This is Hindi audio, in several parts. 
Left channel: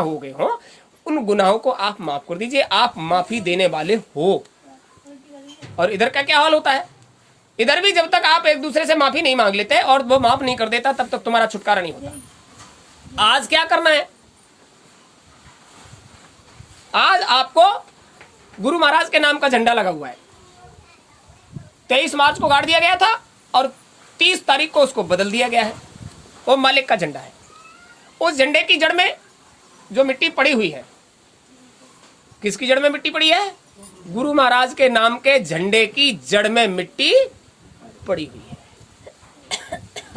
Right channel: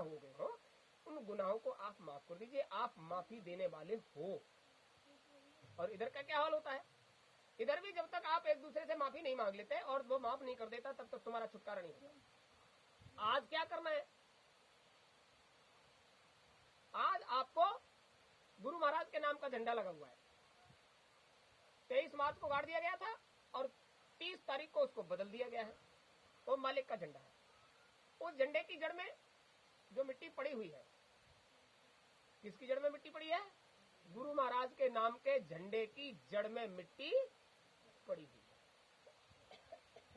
हो गए हो, उन गुनाहों को आप माफ कर दीजिए। आप माफी देने वाले हो। और इधर का क्या हाल होता है, इधर भी जब तक आप एक दूसरे से माफी नहीं मांग लेते और वो माफ नहीं कर देता, तब तक तुम्हारा छुटकारा नहीं होता। आज क्या करना है, आज आपको गुरु महाराज के नाम का झंडा लगा हुआ है। 23 मार्च को गाड़ दिया गया था और 30 तारीख को उसको बदल दिया गया है। वो मालिक का झंडा है। उस झंडे की जड़ में जो मिट्टी पड़ी हुई है, किसकी जड़ में मिट्टी पड़ी है? गुरु महाराज के नाम के झंडे की जड़ में मिट्टी पड़ी हुई है।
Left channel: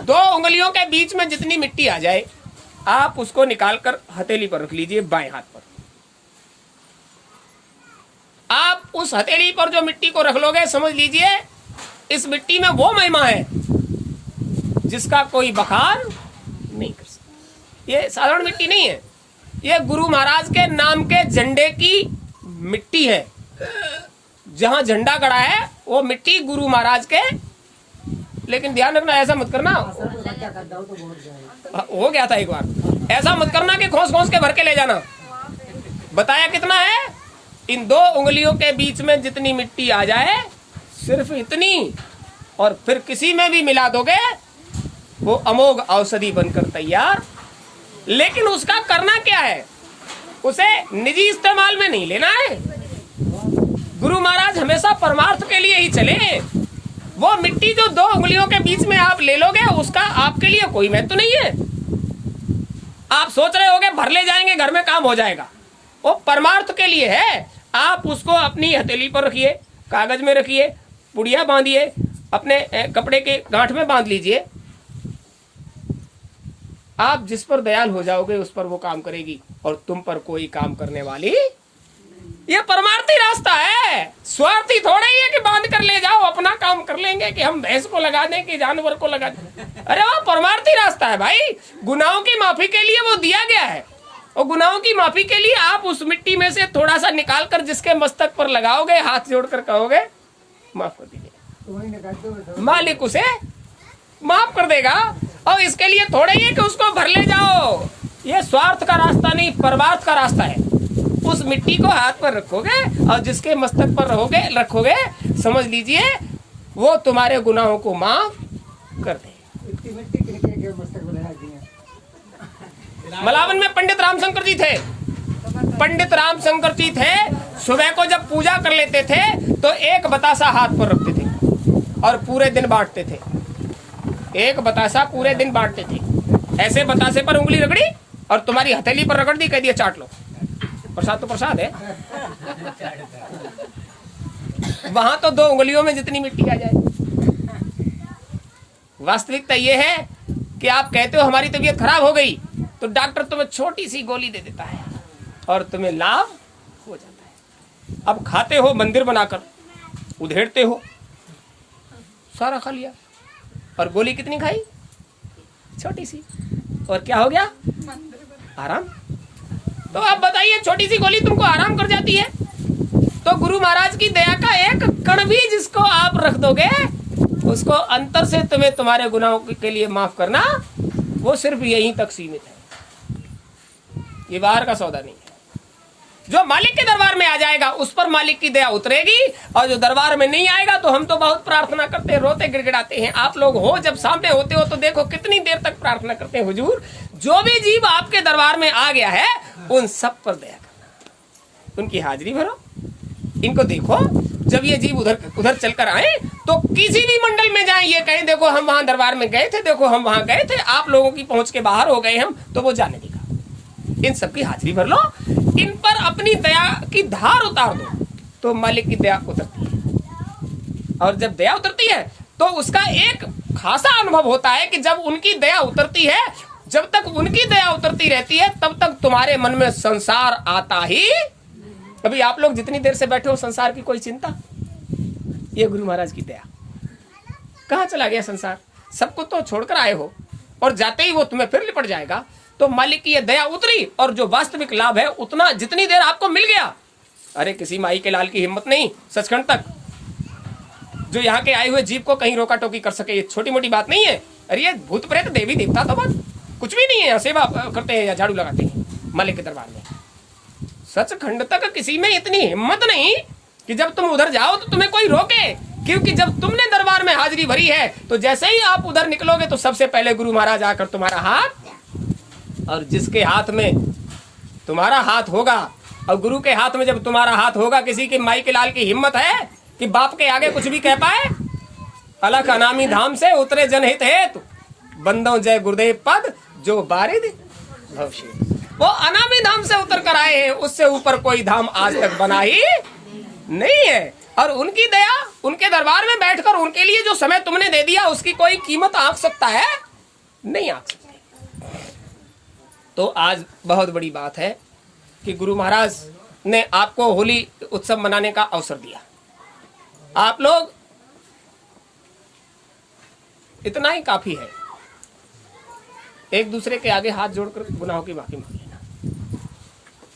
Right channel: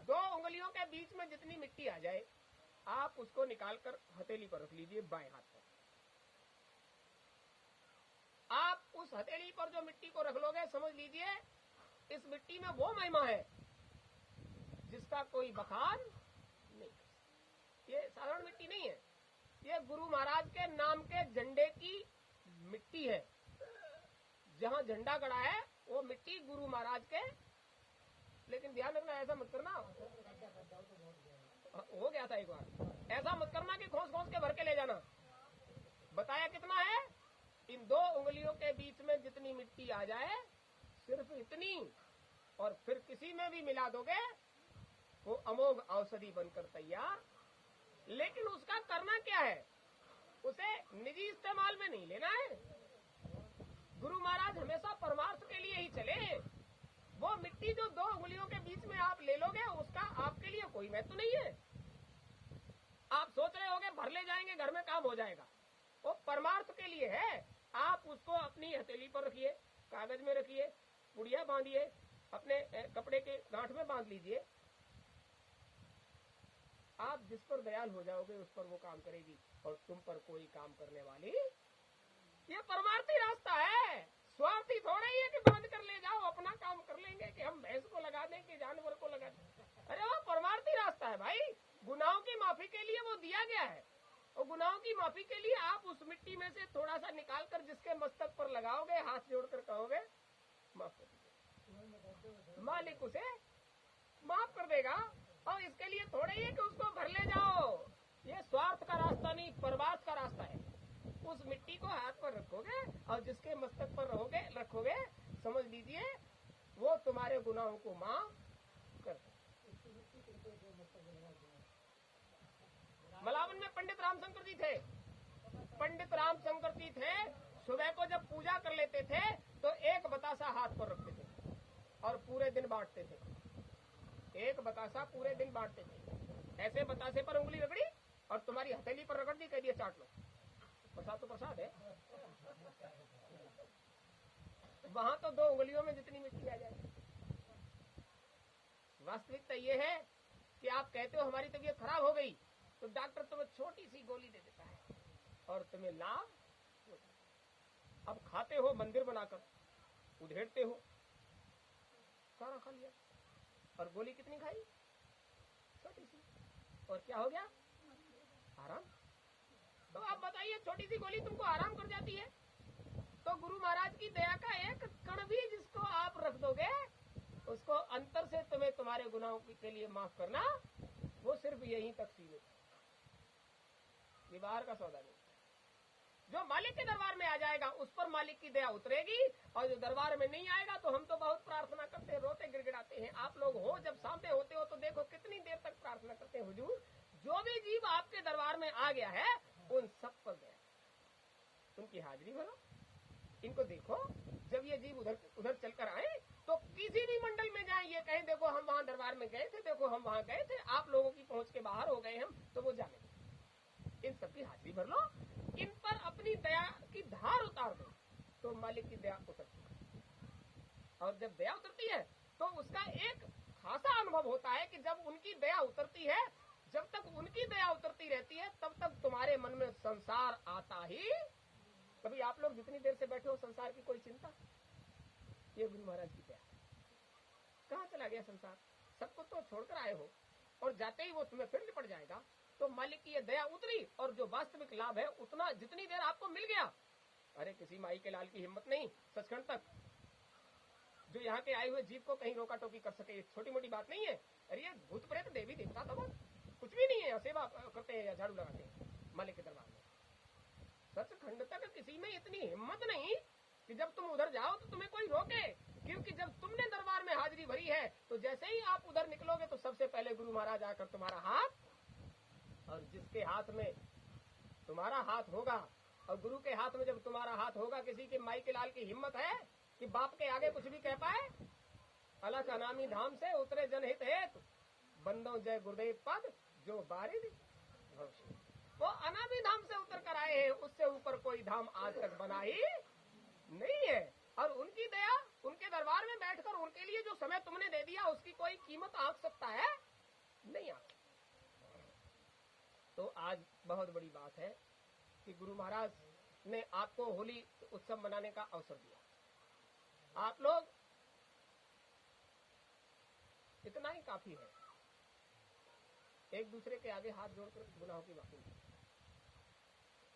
2 उंगलियों के बीच में जितनी मिट्टी आ जाए, आप उसको निकालकर हथेली पर रख लीजिए, बाएं हाथ पर। आप उस हथेली पर जो मिट्टी को रख लोगे, समझ लीजिए इस मिट्टी में वो महिमा है जिसका कोई बखान नहीं कर सकता। ये साधारण मिट्टी नहीं है, ये गुरु महाराज के नाम के झंडे की मिट्टी है। जहां झंडा गड़ा है वो मिट्टी गुरु महाराज के। लेकिन ध्यान रखना, ऐसा मत करना, हो गया था एक बार, ऐसा मत करना कि खोस खोस के भर के ले जाना। बताया कितना है? इन 2 उंगलियों के बीच में जितनी मिट्टी आ जाए, सिर्फ इतनी, और फिर किसी में भी मिला दोगे वो अमोघ औषधि बनकर तैयार। लेकिन उसका करना क्या है? उसे निजी इस्तेमाल में नहीं लेना है। गुरु महाराज हमेशा परमार्थ के लिए ही चले। वो मिट्टी जो 2 उंगलियों के बीच में आप ले लोगे, उसका आपके लिए कोई महत्व नहीं है। आप सोच रहे होगे भर ले जाएंगे घर में काम हो जाएगा, वो परमार्थ के लिए है। आप उसको अपनी हथेली पर रखिए, कागज में रखिए, पुड़िया बांधिए, अपने कपड़े के गांठ में बांध लीजिए। आप जिस पर दयाल हो जाओगे उस पर वो काम करेगी, और तुम पर कोई काम करने वाली। ये परमार्थी रास्ता है, स्वार्थी थोड़ा ही है कि बांध कर ले जाओ, अपना काम कर लेंगे कि हम भैंस को लगा दें कि जानवर को लगा दें। अरे वो परमार्थी रास्ता है भाई। गुनाहों की माफी के लिए वो दिया गया है, और गुनाहों की माफी के लिए आप उस मिट्टी में से थोड़ा सा निकाल कर जिसके मस्तक पर लगाओगे, हाथ जोड़कर कहोगे माफ कर दीजिए, मालिक उसे माफ कर देगा। और इसके लिए थोड़े ही है कि उसको भर ले जाओ। ये स्वार्थ का रास्ता नहीं, परमार्थ का रास्ता है। उस मिट्टी को हाथ पर रखोगे और जिसके मस्तक पर रखोगे, समझ लीजिए वो तुम्हारे गुनाहों को माफ कर दे। मलावन में पंडित रामशंकर जी थे। पंडित रामशंकर जी थे, सुबह को जब पूजा कर लेते थे तो एक बतासा हाथ पर रखते थे और पूरे दिन बांटते थे। एक बतासा पूरे दिन बांटते थे। ऐसे बतासे पर उंगली रगड़ी और तुम्हारी हथेली पर रगड़ दी, कह दिया चाट लो। प्रसाद तो प्रसाद है। वहां तो 2 उंगलियों में जितनी मिट्टी आ जाए। वास्तविकता ये है कि आप कहते हो हमारी तबीयत खराब हो गई, तो डॉक्टर तुम्हें छोटी सी गोली दे देता है और तुम्हें लाभ हो जाता है। अब खाते हो मंदिर बनाकर, उधेड़ते हो, सारा खा लिया, और गोली कितनी खाई? छोटी सी, और क्या हो गया? आराम। तो आप बताइए, छोटी सी गोली तुमको आराम कर जाती है, तो गुरु महाराज की दया का एक कण भी जिसको आप रख दोगे, उसको अंतर से तुम्हें तुम्हारे गुनाहों के लिए माफ करना, वो सिर्फ यहीं तक सीमित है। ये बाहर का सौदा नहीं है। जो मालिक के दरबार में आ जाएगा उस पर मालिक की दया उतरेगी, और जो दरबार में नहीं आएगा तो हम तो बहुत प्रार्थना करते हैं, रोते गिड़गिड़ाते हैं। आप लोग हो जब सामने होते हो तो देखो कितनी देर तक प्रार्थना करते हैं, हुजूर जो भी जीव आपके दरबार में आ गया है उन सब पर दया करना, उनकी हाजिरी भरो, इनको देखो। जब ये जीव उधर चलकर आए तो किसी भी मंडल में जाएं, ये कहें देखो हम वहां दरबार में गए थे, देखो हम वहां गए थे, आप लोगों की पहुंच के बाहर हो गए हम, तो वो जाने देगा। इन सबकी हाजिरी भर लो, इन पर अपनी दया की धार उतार दो, तो मालिक की दया उतरती है। और जब दया उतरती है तो उसका एक खासा अनुभव होता है कि जब उनकी दया उतरती है, जब तक उनकी दया उतरती रहती है तब तक तुम्हारे मन में संसार आता ही। अभी आप लोग जितनी देर से बैठे हो, संसार की कोई चिंता? ये गुरु महाराज की दया। कहाँ चला गया संसार? सबको तो छोड़कर आए हो, और जाते ही वो तुम्हें फिर लिपट जाएगा। तो मालिक की ये दया उतरी, और जो वास्तविक लाभ है उतना जितनी देर आपको मिल गया। अरे किसी माई के लाल की हिम्मत नहीं सचखंड तक जो यहाँ के आए हुए जीव को कहीं रोका टोकी कर सके। ये छोटी मोटी बात नहीं है। अरे ये भूत प्रेत देवी देवता तो बात कुछ भी नहीं है, यहाँ सेवा करते हैं या झाड़ू लगाते हैं। मालिक के दरबार में। सचखंड तक किसी में इतनी हिम्मत नहीं कि जब तुम उधर जाओ तो तुम्हें कोई रोके, क्योंकि जब तुमने दरबार में हाजिरी भरी है तो जैसे ही आप उधर निकलोगे तो सबसे पहले गुरु महाराज आकर तुम्हारा हाथ, और जिसके हाथ में तुम्हारा हाथ होगा और गुरु के हाथ में जब तुम्हारा हाथ होगा, किसी के माई के लाल की हिम्मत है कि बाप के आगे कुछ भी कह पाए? अलख अनामी धाम से उतरे जनहित हेतु, बंदों जय गुरुदेव पद जो बारिद भवशे। वो अनामी धाम से उतर कर आए हैं, उससे ऊपर कोई धाम आज तक बना ही नहीं है। और उनकी दया, उनके दरबार में बैठकर उनके लिए जो समय तुमने दे दिया उसकी कोई कीमत आंक सकता है? नहीं आंक सकती। तो आज बहुत बड़ी बात है कि गुरु महाराज ने आपको होली उत्सव मनाने का अवसर दिया। आप लोग, इतना ही काफी है, एक दूसरे के आगे हाथ जोड़कर गुनाहों की माफी मांग लेना।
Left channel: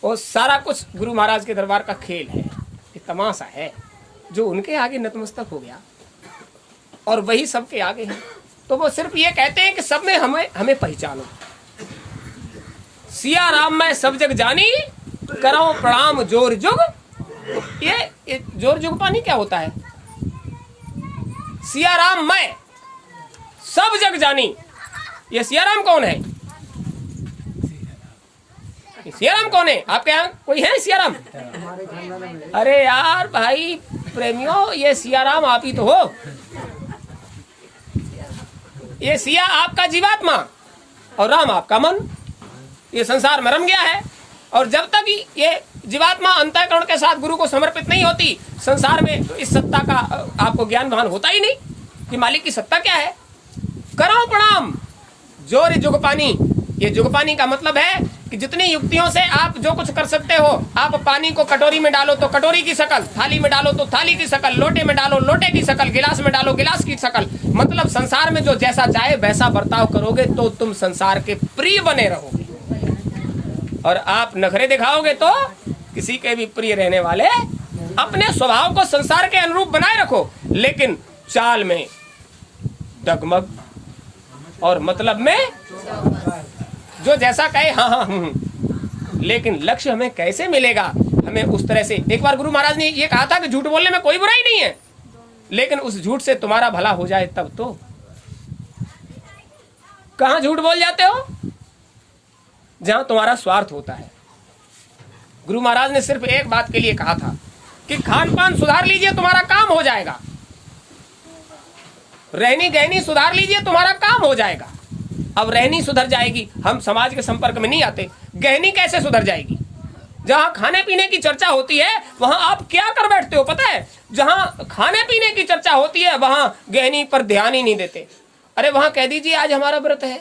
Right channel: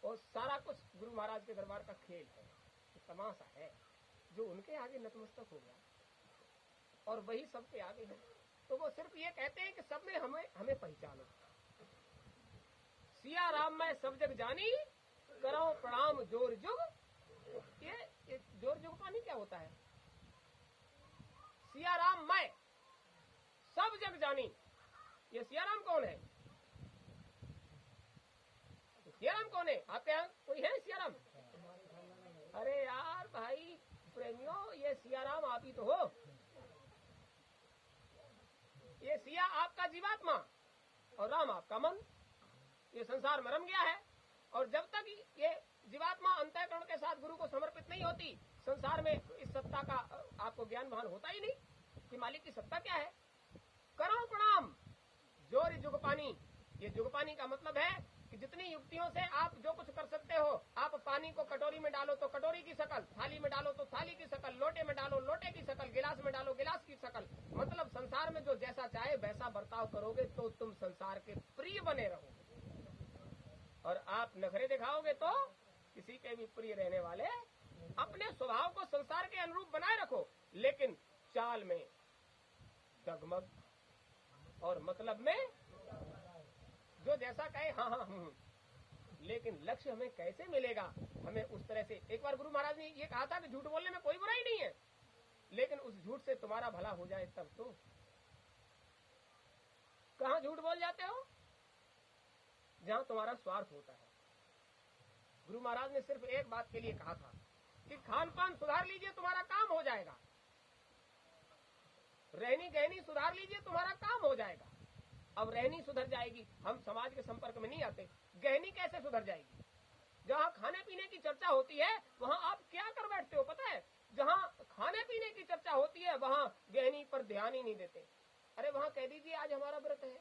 और सारा कुछ गुरु महाराज के दरबार का खेल है, ये तमाशा है। जो उनके आगे नतमस्तक हो गया और वही सबके आगे है, तो वो सिर्फ ये कहते हैं कि सब में हमें पहचानो। सिया राम मैं सब जग जानी, करो प्रणाम जोर जुग। ये जोर जुग पानी क्या होता है? सिया राम मैं सब जग जानी, ये सिया राम कौन है? सिया राम कौन है? आपके यहाँ कोई है सिया राम? अरे यार भाई प्रेमियों, ये सिया राम आप ही तो हो। ये सिया आपका जीवात्मा और राम आपका मन। ये संसार में रम गया है, और जब तक ये जीवात्मा अंतःकरण के साथ गुरु को समर्पित नहीं होती, संसार में तो इस सत्ता का आपको ज्ञान भान होता ही नहीं कि मालिक की सत्ता क्या है। करो प्रणाम जोर जुगपानी। ये जुगपानी का मतलब है कि जितनी युक्तियों से आप जो कुछ कर सकते हो, आप पानी को कटोरी में डालो तो कटोरी की शकल, थाली में डालो तो थाली की शकल, लोटे में डालो लोटे की शकल, गिलास में डालो गिलास की शकल। मतलब संसार में जो जैसा चाहे वैसा बर्ताव करोगे तो तुम संसार के प्रिय बने रहोगे, और आप नखरे दिखाओगे तो किसी के भी प्रिय रहने वाले। अपने स्वभाव को संसार के अनुरूप बनाए रखो, लेकिन चाल में डगमग और मतलब में जो जैसा कहे हाँ हाँ। लेकिन लक्ष्य हमें कैसे मिलेगा? हमें उस तरह से, एक बार गुरु महाराज ने ये कहा था कि झूठ बोलने में कोई बुराई नहीं है, लेकिन उस झूठ से तुम्हारा भला हो जाए तब तो। कहां झूठ बोल जाते हो? जहां तुम्हारा स्वार्थ होता है। गुरु महाराज ने सिर्फ एक बात के लिए कहा था कि खान पान सुधार लीजिए तुम्हारा काम हो जाएगा, रहनी गहनी सुधार लीजिए तुम्हारा काम हो जाएगा। अब रहनी सुधर जाएगी, हम समाज के संपर्क में नहीं आते, गहनी कैसे सुधर जाएगी? जहां खाने पीने की चर्चा होती है वहां आप क्या कर बैठते हो पता है? जहां खाने पीने की चर्चा होती है वहां गहनी पर ध्यान ही नहीं देते। अरे वहां कह दीजिए आज हमारा व्रत है,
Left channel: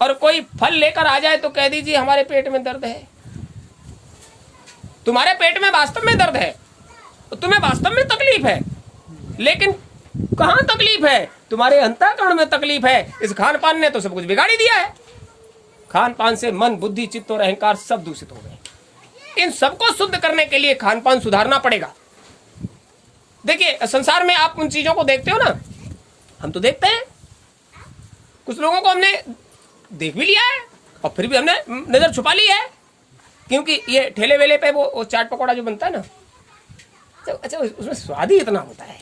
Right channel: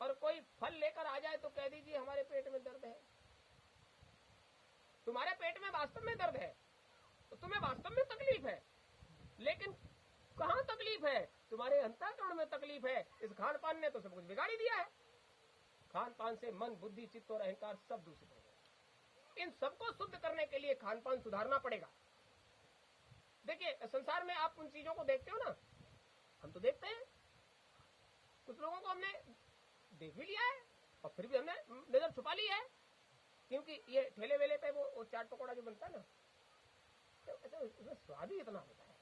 और कोई फल लेकर आ जाए तो कह दीजिए हमारे पेट में दर्द है। तुम्हारे पेट में वास्तव में दर्द है, तुम्हें वास्तव में तकलीफ है, लेकिन कहां तकलीफ है? तुम्हारे अंतःकरण में तकलीफ है। इस खान पान ने तो सब कुछ बिगाड़ी दिया है। खान पान से मन बुद्धि चित्त और अहंकार सब दूषित हो गए। इन सबको शुद्ध करने के लिए खान पान सुधारना पड़ेगा। देखिए संसार में आप उन चीजों को देखते हो ना, हम तो देखते हैं, कुछ लोगों को हमने देख भी लिया है और फिर भी हमने नजर छुपा ली है, क्योंकि ये ठेले वेले पे वो चाट पकौड़ा जो बनता है ना, तो अच्छा उसमें स्वाद ही इतना होता है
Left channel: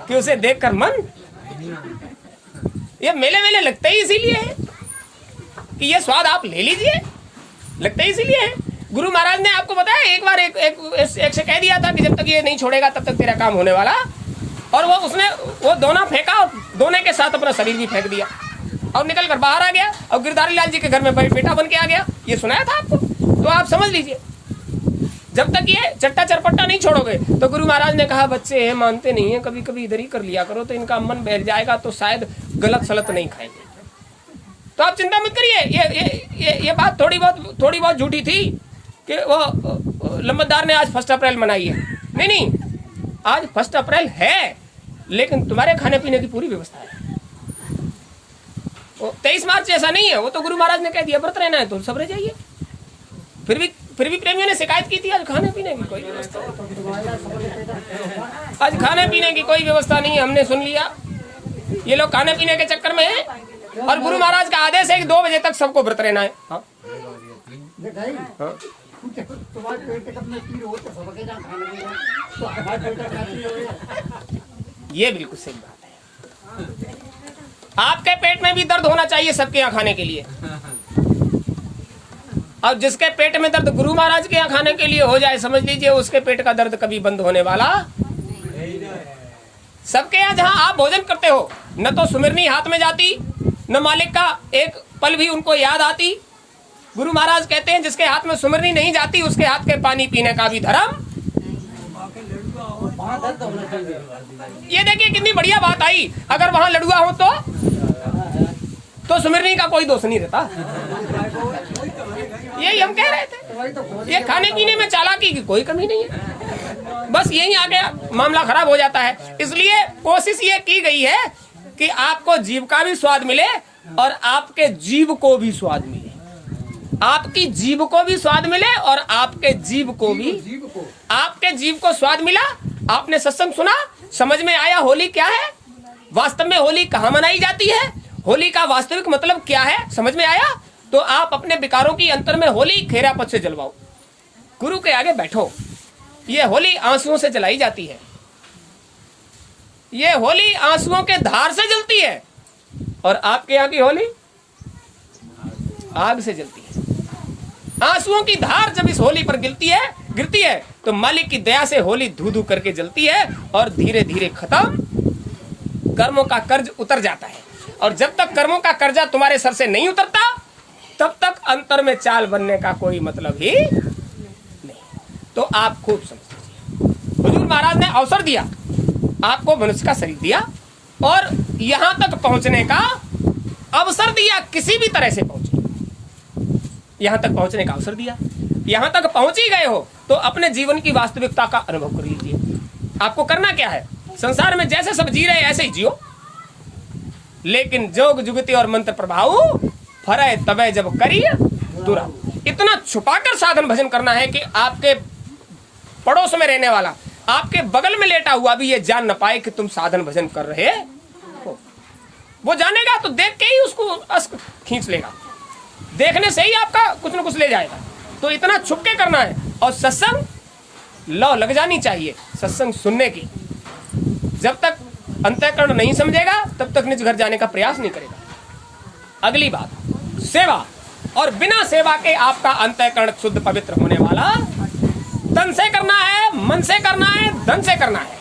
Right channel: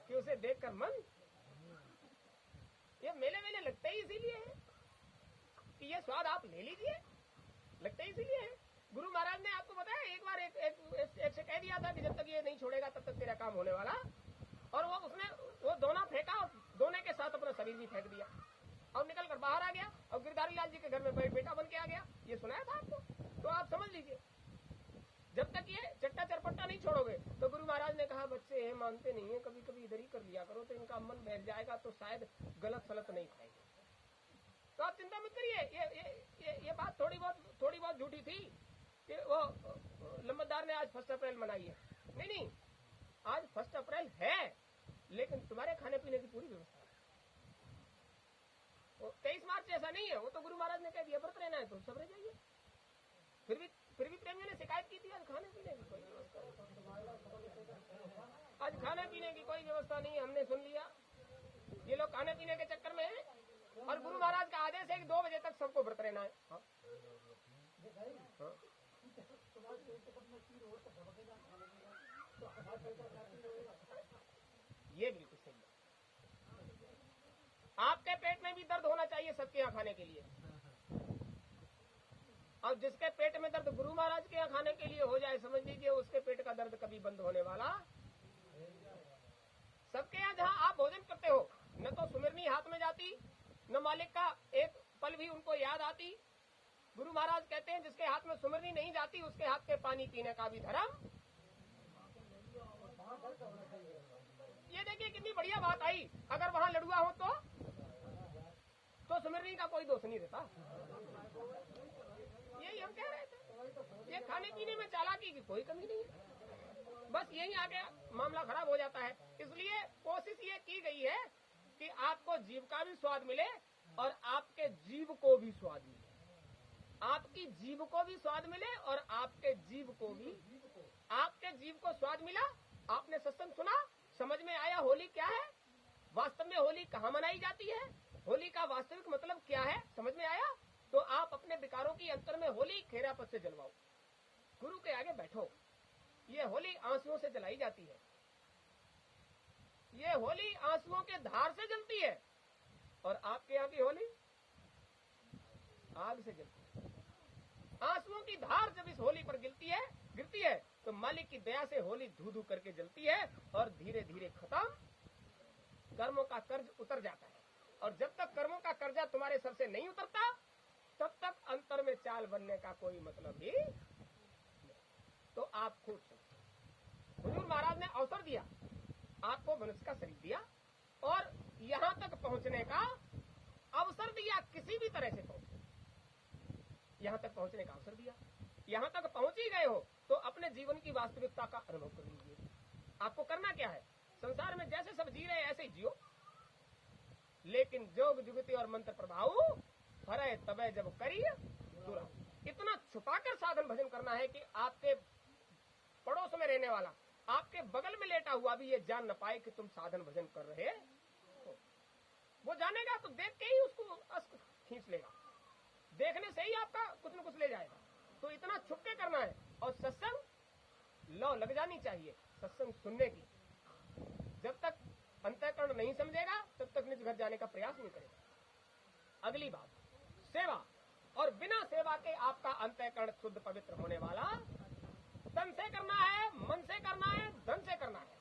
कि उसे देखकर मन, ये मेले मेले लगता ही इसीलिए है कि ये स्वाद आप ले लीजिए, लगता ही इसीलिए है। गुरु महाराज ने आपको बताया एक बार एक से कह दिया था कि जब तक ये नहीं छोड़ेगा तब तक तेरा काम होने वाला, और उसने वो दोना फेंका और दोने के साथ अपना शरीर भी फेंक दिया और निकल कर बाहर आ गया और गिरधारी लाल जी के घर में बेटा बन के आ गया। ये सुनाया था आपको, तो आप समझ लीजिए जब तक ये चट्टा चरपट्टा नहीं छोड़ोगे। तो गुरु महाराज ने कहा बच्चे हैं मानते नहीं है, कभी कभी इधर ही कर लिया करो तो इनका मन बहल जाएगा, तो शायद गलत सलत नहीं खाएंगे। तो आप चिंता मत करिए, ये बात थोड़ी बहुत झूठी थी कि वो लंबतदार ने आज 1 अप्रैल मनाई है। नहीं, आज 1 अप्रैल है, लेकिन तुम्हारे खाने पीने की पूरी व्यवस्था है। 23 मार्च ऐसा नहीं है, वो तो गुरु महाराज ने कह दिया व्रत रहना है तो सब रह जाइए। फिर भी प्रेमियों ने शिकायत की थी आज खाने पीने की कोई व्यवस्था, आज खाने पीने की कोई व्यवस्था नहीं है। हमने सुन लिया ये लोग खाने पीने के चक्कर में है, और गुरु महाराज का आदेश है कि 2 बजे तक सबको व्रत रहना है। हाँ हाँ। ये बिल्कुल सही बात है। आपके पेट में भी दर्द होना चाहिए सबके यहाँ खाने के लिए, और जिसके पेट में दर्द गुरु महाराज के यहाँ खाने के लिए हो जाए, समझ लीजिए उसके पेट का दर्द कभी बंद होने वाला। सबके यहाँ जहाँ आप भोजन करते हो, न तो सुमिरनी हाथ में जाती, न मालिक का एक पल भी उनको याद आती। गुरु महाराज कहते हैं जिसके हाथ में सुमिरनी नहीं जाती उसके हाथ के पानी पीने का भी धर्म। ये देखिए कितनी बढ़िया बात आई। अगर वहां लड़ुआ हो तो सुमिरनी का कोई दोष नहीं रहता। यही हम कह रहे थे, ये खाने पीने में चालाकी की कोई कमी नहीं है, बस यही आगे मामला खराब हो जाता है। इसलिए कोशिश ये की गई है कि आपको जीव का भी स्वाद मिले और आपके जीव को भी स्वाद मिले, आपकी जीव को भी स्वाद मिले और आपके जीव को भी, आपके जीव को स्वाद मिला। आपने सत्संग सुना, समझ में आया होली क्या है, वास्तव में होली कहाँ मनाई जाती है, होली का वास्तविक मतलब क्या है, समझ में आया। तो आप अपने विकारों की अंतर में होली खेरा पथ से जलवाओ, गुरु के आगे बैठो। ये होली आंसुओं से जलाई जाती है, ये होली आंसुओं के धार से जलती है, और आपके यहाँ की होली आग से जलती है। आंसुओं की धार जब इस होली पर गिरती है तो मालिक की दया से होली धू धू करके जलती है और धीरे धीरे खत्म, कर्मों का कर्ज उतर जाता है। और जब तक कर्मों का कर्जा तुम्हारे सर से नहीं उतरता तब तक अंतर में चाल बनने का कोई मतलब ही नहीं। तो आप खूब समझ, हुजूर महाराज ने अवसर दिया, आपको मनुष्य का शरीर दिया और यहां तक पहुंचने का अवसर दिया, किसी भी तरह से पहुंचे, यहां तक पहुंचने का अवसर दिया। यहां तक पहुंच ही गए हो तो अपने जीवन की वास्तविकता का अनुभव कर लीजिए। आपको करना क्या है, संसार में जैसे सब जी रहे ऐसे ही जियो, लेकिन जोग जुगति और मंत्र प्रभाव फरे तबे जब करिए दुरा। इतना छुपाकर साधन भजन करना है कि आपके पड़ोस में रहने वाला, आपके बगल में लेटा हुआ भी ये जान न पाए कि तुम साधन भजन कर रहे हो। वो जानेगा तो देख के ही उसको अस्क खींच लेगा, देखने से ही आपका कुछ न कुछ ले जाएगा। तो इतना छुप के करना है। और सत्संग लौ लग जानी चाहिए सत्संग सुनने की। जब तक अंतःकरण नहीं समझेगा तब तक निज घर जाने का प्रयास नहीं करेगा। अगली बात, सेवा। और बिना सेवा के आपका अंतःकरण शुद्ध पवित्र होने वाला, तन से करना है, मन से करना है, धन से करना है,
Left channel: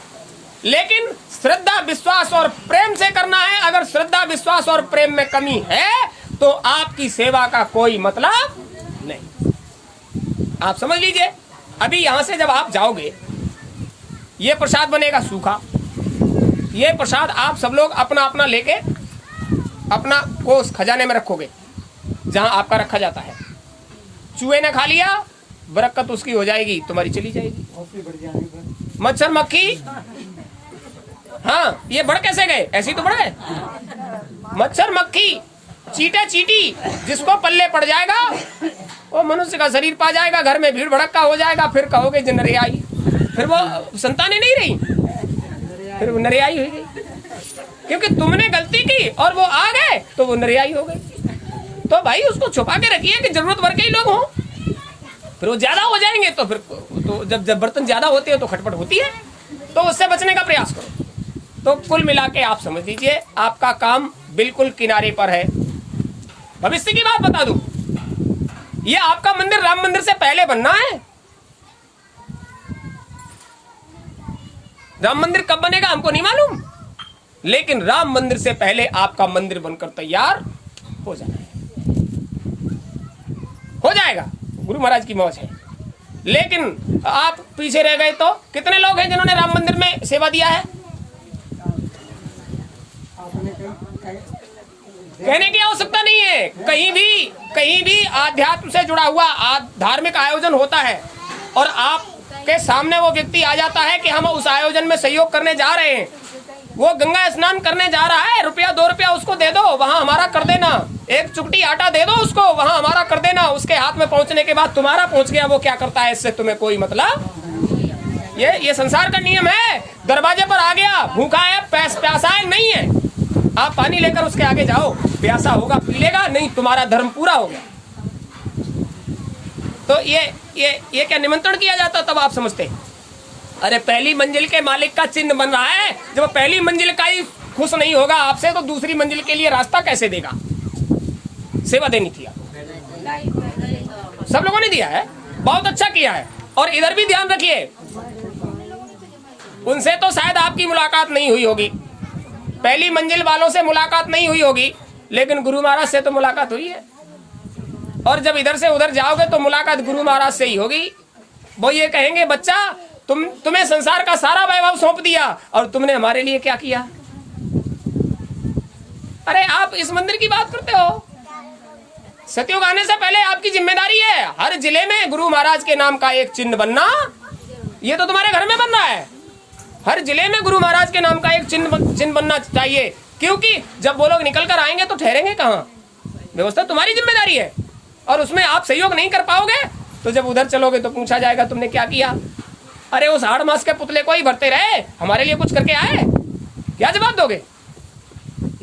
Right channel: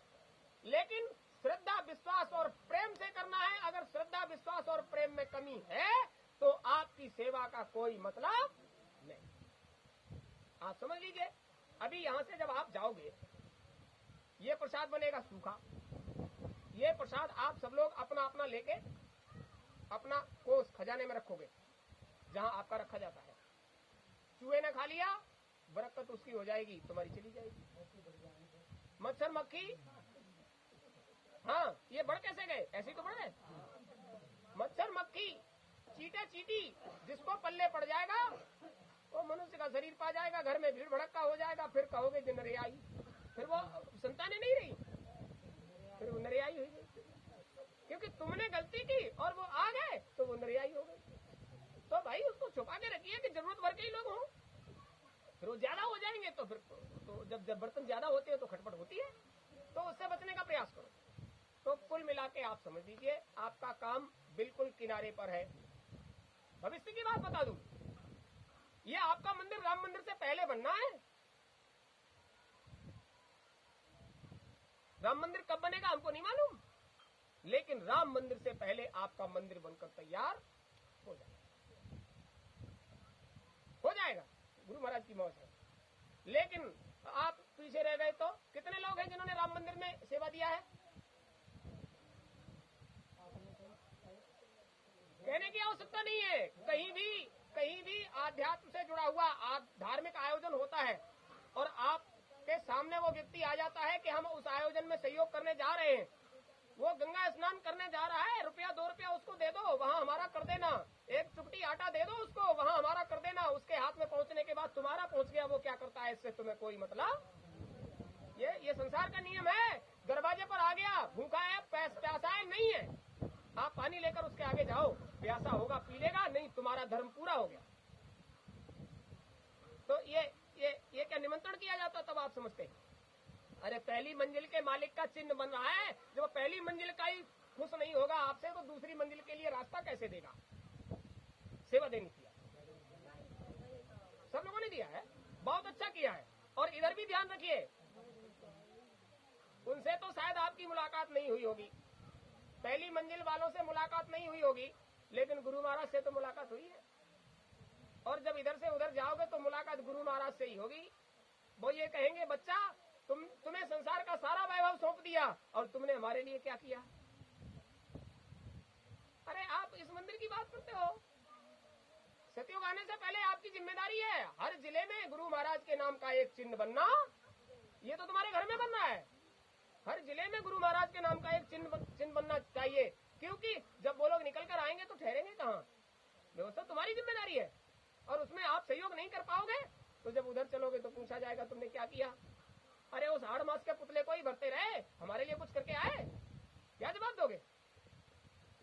लेकिन श्रद्धा विश्वास और प्रेम से करना है। अगर श्रद्धा विश्वास और प्रेम में कमी है तो आपकी सेवा का कोई मतलब नहीं। आप समझ लीजिए, अभी यहां से जब आप जाओगे, ये प्रसाद बनेगा सूखा, ये प्रसाद आप सब लोग अपना अपना लेके अपना कोस खजाने में रखोगे जहां आपका रखा जाता है। चूहे ने खा लिया, बरकत उसकी हो जाएगी, तुम्हारी चली जाएगी। मच्छर मक्खी, हाँ ये बढ़ कैसे गए, ऐसे ही तो बढ़ गए। मच्छर मक्खी चीटे चीटी जिसको पल्ले पड़ जाएगा वो मनुष्य का शरीर पा जाएगा, घर में भीड़ भड़क्का हो जाएगा, फिर कहोगे नरियाई, फिर वो संतानें नहीं रही, फिर वो नरियाई हो गई, क्योंकि तुमने गलती की और वो आ गए तो वो नरियाई हो गई। तो भाई उसको छुपा के रखिए कि जरूरत भर के ही लोग हों, फिर वो ज्यादा हो जाएंगे तो फिर तो जब बर्तन ज्यादा होते हैं तो खटपट होती है, तो उससे बचने का प्रयास करो। तो कुल मिला के आप समझ लीजिए आपका काम बिल्कुल किनारे पर है। भविष्य की बात बता दूं, ये आपका मंदिर राम मंदिर से पहले बनना है। राम मंदिर कब बनेगा हमको नहीं मालूम, लेकिन राम मंदिर से पहले आपका मंदिर बनकर तैयार हो जाना है, हो जाएगा, गुरु महाराज की मौज है। लेकिन आप पीछे रह गए तो कितने लोग हैं जिन्होंने राम मंदिर में सेवा दिया है? कहने की आवश्यकता नहीं है। कहीं भी आध्यात्म से जुड़ा हुआ धार्मिक आयोजन होता है और आपके सामने वो व्यक्ति आ जाता है कि हम उस आयोजन में सहयोग करने जा रहे हैं, वो गंगा स्नान करने जा रहा है, रुपया 2 रुपया उसको दे दो, वहां हमारा कर देना, एक चुटकी आटा दे दो उसको, वहां हमारा कर देना। उसके हाथ में पहुंचने के बाद तुम्हारा पहुंच गया, वो क्या करता है इससे तुम्हें कोई मतलब। ये संसार का नियम है। दरवाजे पर आ गया, भूखा है, प्यासा है, नहीं है, आप पानी लेकर उसके आगे जाओ, प्यासा होगा पी लेगा, नहीं तुम्हारा धर्म पूरा हो गया। तो ये क्या निमंत्रण किया जाता, तब आप समझते। अरे पहली मंजिल के मालिक का चिन्ह बन रहा है, जब पहली मंजिल का ही खुश नहीं होगा आपसे तो दूसरी मंजिल के लिए रास्ता कैसे देगा। सेवा देनी थी आपको, सब लोगों ने दिया है, बहुत अच्छा किया है। और इधर भी ध्यान रखिए, उनसे तो शायद आपकी मुलाकात नहीं हुई होगी, पहली मंजिल वालों से मुलाकात नहीं हुई होगी, लेकिन गुरु महाराज से तो मुलाकात हुई है। और जब इधर से उधर जाओगे तो मुलाकात गुरु महाराज से ही होगी। वो ये कहेंगे, बच्चा तुम्हें संसार का सारा वैभव सौंप दिया और तुमने हमारे लिए क्या किया। अरे आप इस मंदिर की बात करते हो, सतयुग आने से पहले आपकी जिम्मेदारी है हर जिले में गुरु महाराज के नाम का एक चिन्ह बनना। ये तो तुम्हारे घर में बन रहा है, हर जिले में गुरु महाराज के नाम का एक चिन्ह बनना चाहिए, क्योंकि जब वो लोग निकल कर आएंगे तो ठहरेंगे कहाँ। व्यवस्था तुम्हारी जिम्मेदारी है, और उसमें आप सहयोग नहीं कर पाओगे तो जब उधर चलोगे तो पूछा जाएगा तुमने क्या किया। अरे उस 8 मास के पुतले को ही भरते रहे, हमारे लिए कुछ करके आए, क्या जवाब दोगे।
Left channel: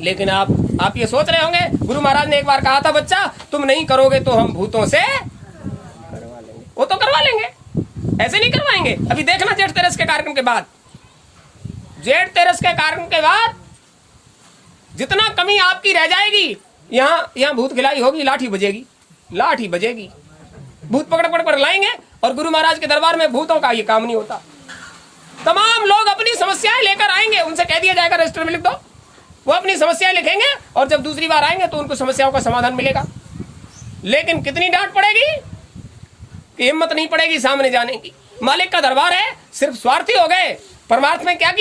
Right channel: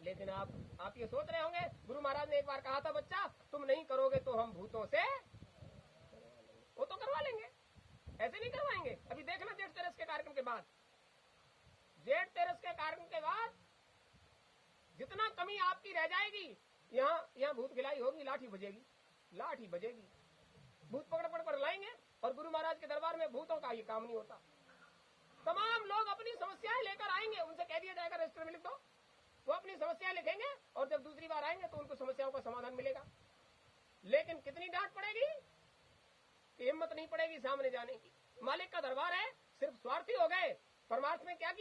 लेकिन आप ये सोच रहे होंगे, गुरु महाराज ने एक बार कहा था, बच्चा तुम नहीं करोगे तो हम भूतों से करवा लेंगे। वो तो करवा लेंगे, ऐसे नहीं करवाएंगे। अभी देखना जेठ तेरस के कार्यक्रम के बाद, जेठ तेरस के कार्यक्रम के बाद जितना कमी आपकी रह जाएगी, यहाँ भूत खिलाई होगी, लाठी बजेगी, लाठी बजेगी, भूत पकड़ लाएंगे। और गुरु महाराज के दरबार में भूतों का ये काम नहीं होता। तमाम लोग अपनी समस्याएं लेकर आएंगे, उनसे कह दिया जाएगा रजिस्टर में लिख दो, वो अपनी समस्याएं लिखेंगे और जब दूसरी बार आएंगे तो उनको समस्याओं का समाधान मिलेगा। लेकिन कितनी डांट पड़ेगी कि हिम्मत नहीं पड़ेगी सामने जाने की। मालिक का दरबार है, सिर्फ स्वार्थी हो गए, परमार्थ में क्या